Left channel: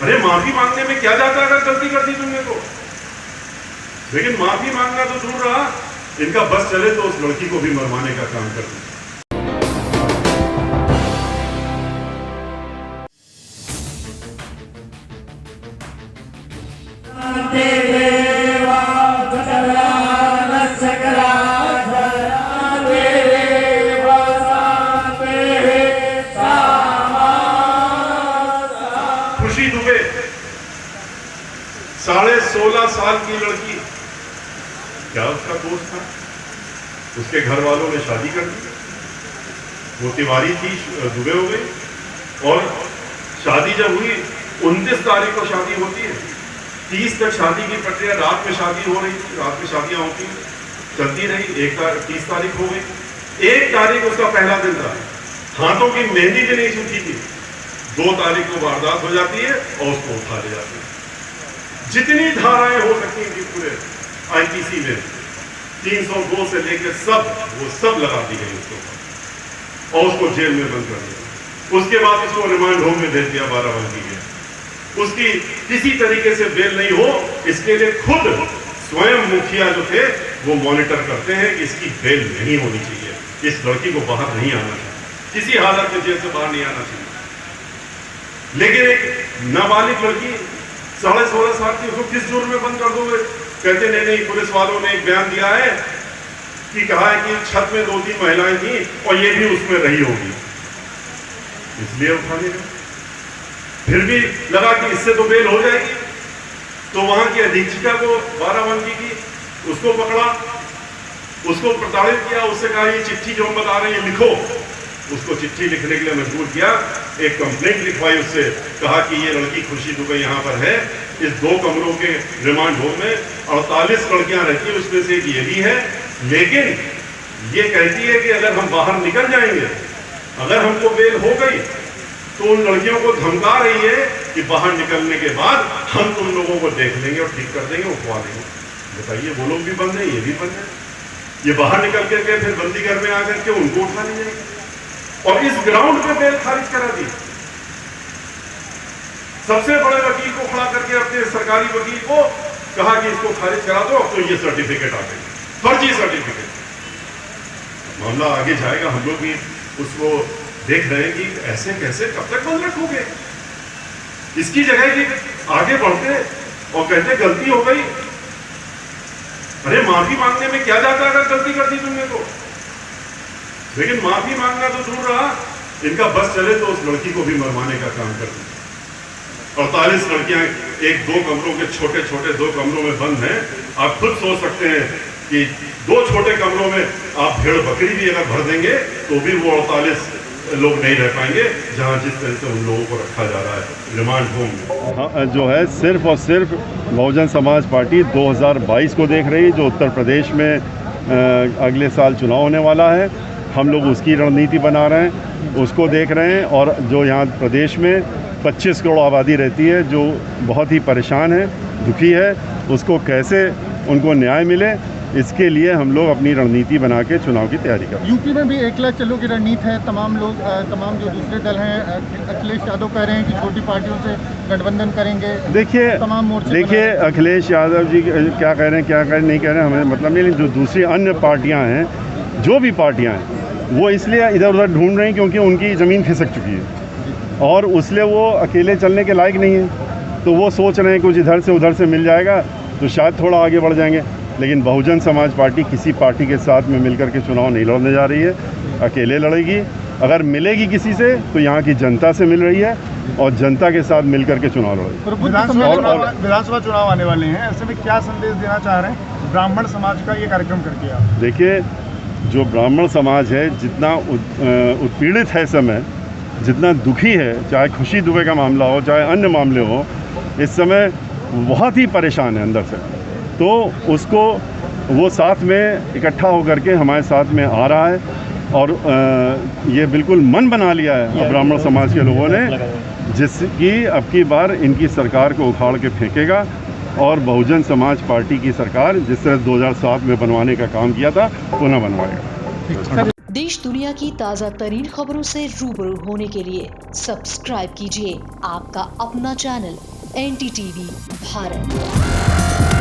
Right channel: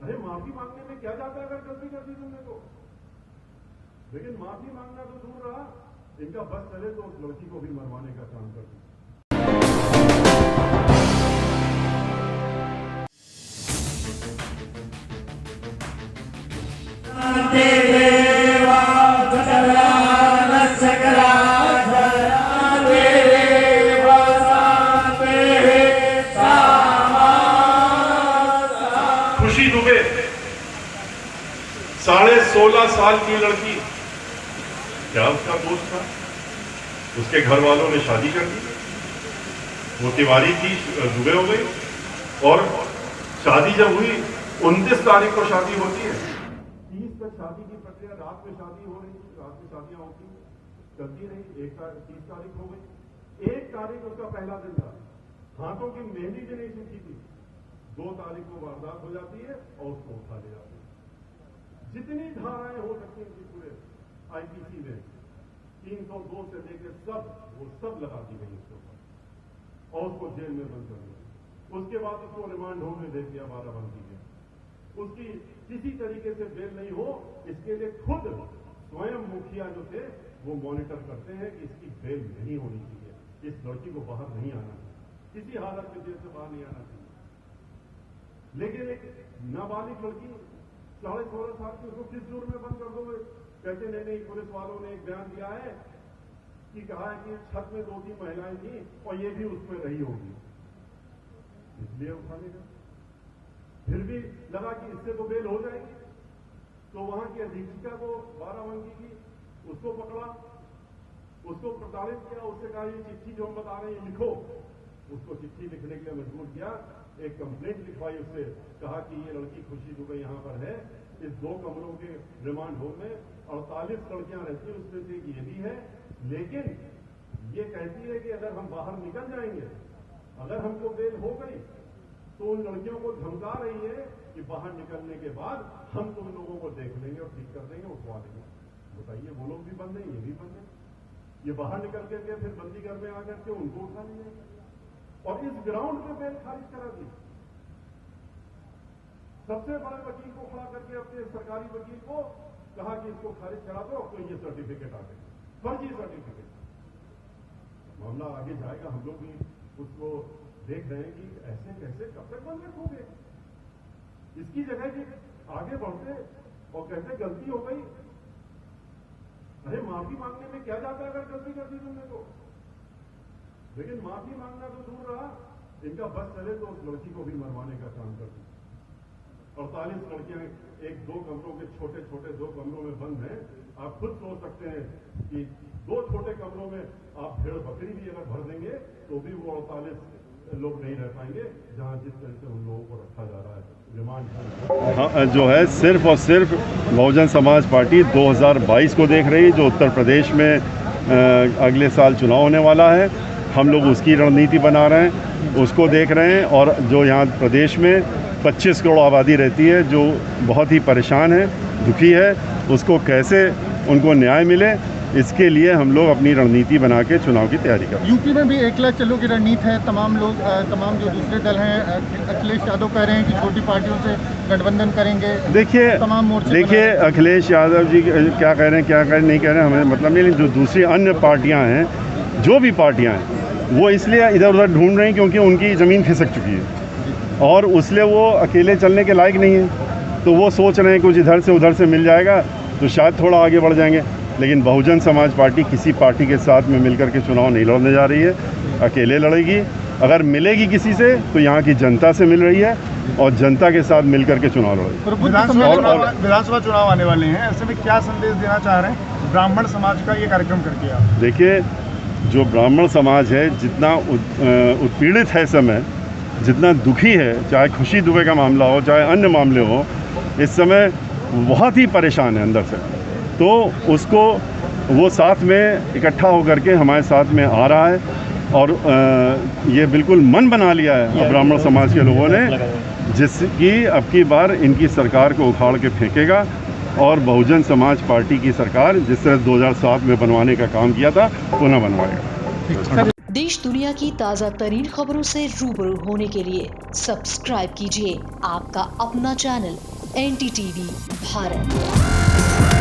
अरे माफी मांगने में क्या जाता अगर गलती कर दी तुमने तो। लेकिन माफी मांगना तो दूर रहा, इनका बस चले तो उस लड़की को भी मरवाने का काम कर दिया। खुशी दुबे 16.5 साल की लड़की, क्या उसका दोस्त था? उसके घर वालों ने शादी कर दी, वो तिवारी थी, दुबे हो गई। और शादी जब हुई 29 तारीख को शादी होती है, 30 तक शादी की प्रक्रिया, रात में शादी हो रही थी, रात में शादियां होती चलती रही। 30 तारीख हो गई, 1 तारीख उसका पहला दिन था, हाथों की मेहंदी भी नहीं छूटी थी। 2 तारीख को वारदात हो जाती है और उसको उठा ले जाती है। जितनी धाराएं हो सकती थी पूरे आईपीसी में, 302 से लेकर सब लगा दी गई उसको और उसको जेल में बंद कर दिया। उसके बाद उसको रिमांड होम में भेज दिया बाराबंकी के। उसकी किसी तरीके से बेल नहीं हो, इसके लिए खुद स्वयं मुखिया जो थे वो मॉनिटर करते हैं कि इसकी बेल नहीं होनी चाहिए, इस लड़की को बाहर नहीं आना चाहिए, किसी हालत में जेल से बाहर नहीं आना चाहिए। लेकिन एक नाबालिग लड़की 16.5 साल की, उसको किस जुर्म में बंद कर दोगे? कहते नहीं, पुलिस वालों ने एक बयान दिया है कि कहा है कि छत में 2-3 महिलाएं थी और ये भी उसमें रही होगी, इसलिए उठाने का। फिर भी लगा कि इससे तो बेल हो जाएगी, तो वहां की अधीक्षिका को बाराबंकी की, उसको पकड़ा, उसको प्रताड़ित किया, उससे कहा ये चिट्ठी जो हम बता रहे हैं लिखो। उसको चिट्ठी लिखने के लिए मजबूर किया, एक कंप्लेंट लिखवाई, उससे कहा कि ये लड़की खुशी दुबे यहाँ पर है, इस 2 कमरों के रिमांड होम में 48 लड़कियां रहती है, उसमें से एक ये भी है। लेकिन ये कहती है कि अगर हम बाहर निकल जाएंगे, अगर हमको बेल हो गई, तो उन लड़कियों को धमका रही है कि बाहर निकलने के बाद हम तुम लोगों को देख लेंगे और ठीक कर देंगे, उठवा देंगे। बताइए, वो लोग भी बंद है, ये भी बंद है। ये बाहर निकल करके फिर बंदी घर में आकर के उनको उठा ली जाएगी और इस ग्राउंड पे बेल खारिज करा दी। सबसे बड़े वकील को खड़ा करके, अपने सरकारी वकील को कहा कि इसको खारिज करा दो, तो ये सर्टिफिकेट आ गई, फर्जी सर्टिफिकेट। मामला आगे जाएगा, हम लोग भी उसको देख रहे हैं कि ऐसे कैसे कब तक बंद रखोगे। इसकी जगह कि आगे बढ़ते और कहते गलती हो गई। अरे माफी मांगने में क्या जाता अगर गलती कर दी तुमने तो। लेकिन माफी मांगना तो दूर रहा, इनका बस चले तो उस लड़की को भी मरवाने का काम कर दिया। 48 लड़कियां 1-2 कमरों के छोटे 2 कमरों में बंद हैं। आप खुद सोच सकते हैं कि 2 छोटे कमरों में आप भेड़ बकरी भी अगर भर देंगे तो भी वो 48 लोग नहीं रह पाएंगे, जहां जिस तरह से उन लोगों को रखा जा रहा है रिमांड होम में। हाँ, जो है सिर्फ और सिर्फ बहुजन समाज पार्टी 2022 को देख रही है, जो उत्तर प्रदेश में अगले साल चुनाव होने वाला है। हम लोग उसकी रणनीति बना रहे हैं, उसको देख रहे हैं। और जो यहाँ प्रदेश में 25 करोड़ आबादी रहती है, जो बहुत ही परेशान है, दुखी है, उसको कैसे उनको न्याय मिले, इसके लिए हम लोग अपनी रणनीति बना के चुनाव की तैयारी कर रहे हैं। यूपी में भी 1 लाख चलो की रणनीति है। तमाम लोग, तमाम जो दूसरे दल हैं, अखिलेश यादव कह रहे हैं कि छोटी पार्टियों से गठबंधन करेंगे। देखिए, तमाम मोर्चे, देखिए अखिलेश यादव जी क्या कह रहे हैं, क्या कह रहे हैं, नहीं कह रहे हैं, हमें मतलब नहीं। जो दूसरी अन्य पार्टियाँ हैं, जो भी पार्टियाँ हैं, वो इसलिए इधर उधर ढूंढ रही हैं क्योंकि उनकी ज़मीन खिसक चुकी है और उसलिए वो अकेले चलने के लायक नहीं है। तो वो सोच रहे हैं कुछ इधर से उधर से मिल जाएगा तो शायद थोड़ा आगे बढ़ जाएंगे। लेकिन बहुजन समाज पार्टी किसी पार्टी के साथ में मिलकर के चुनाव नहीं लड़ने जा रही है, अकेले लड़ेगी। अगर मिलेगी किसी से तो यहाँ की जनता से मिल रही है और जनता के साथ मिलकर के चुनाव लड़ेगी। विधानसभा चुनाव आने वाले हैं, ऐसे में क्या संदेश देना चाह रहे हैं ब्राह्मण समाज का ये कार्यक्रम करके आप? देखिए, जो ब्राह्मण समाज है जितना उत्पीड़ित है समय, जितना दुखी है, चाहे खुशी दुबे का मामला हो चाहे अन्य मामले हो, इस समय बहुत ही परेशान है अंदर से। तो उसको वो साथ में इकट्ठा होकर के हमारे साथ में आ रहा है और ये बिल्कुल मन बना लिया है ब्राह्मण समाज के लोगों ने, जिसकी अब की बार इनकी सरकार को उखाड़ के फेंकेगा और बहुजन समाज पार्टी की सरकार जिस तरह 2007 में बनवाने का काम किया था पुनः बनवाएगा। देश दुनिया की ताज़ा तरीन खबरों से रूबरू होने के लिए सब्सक्राइब कीजिए आपका अपना चैनल NDTV भारत।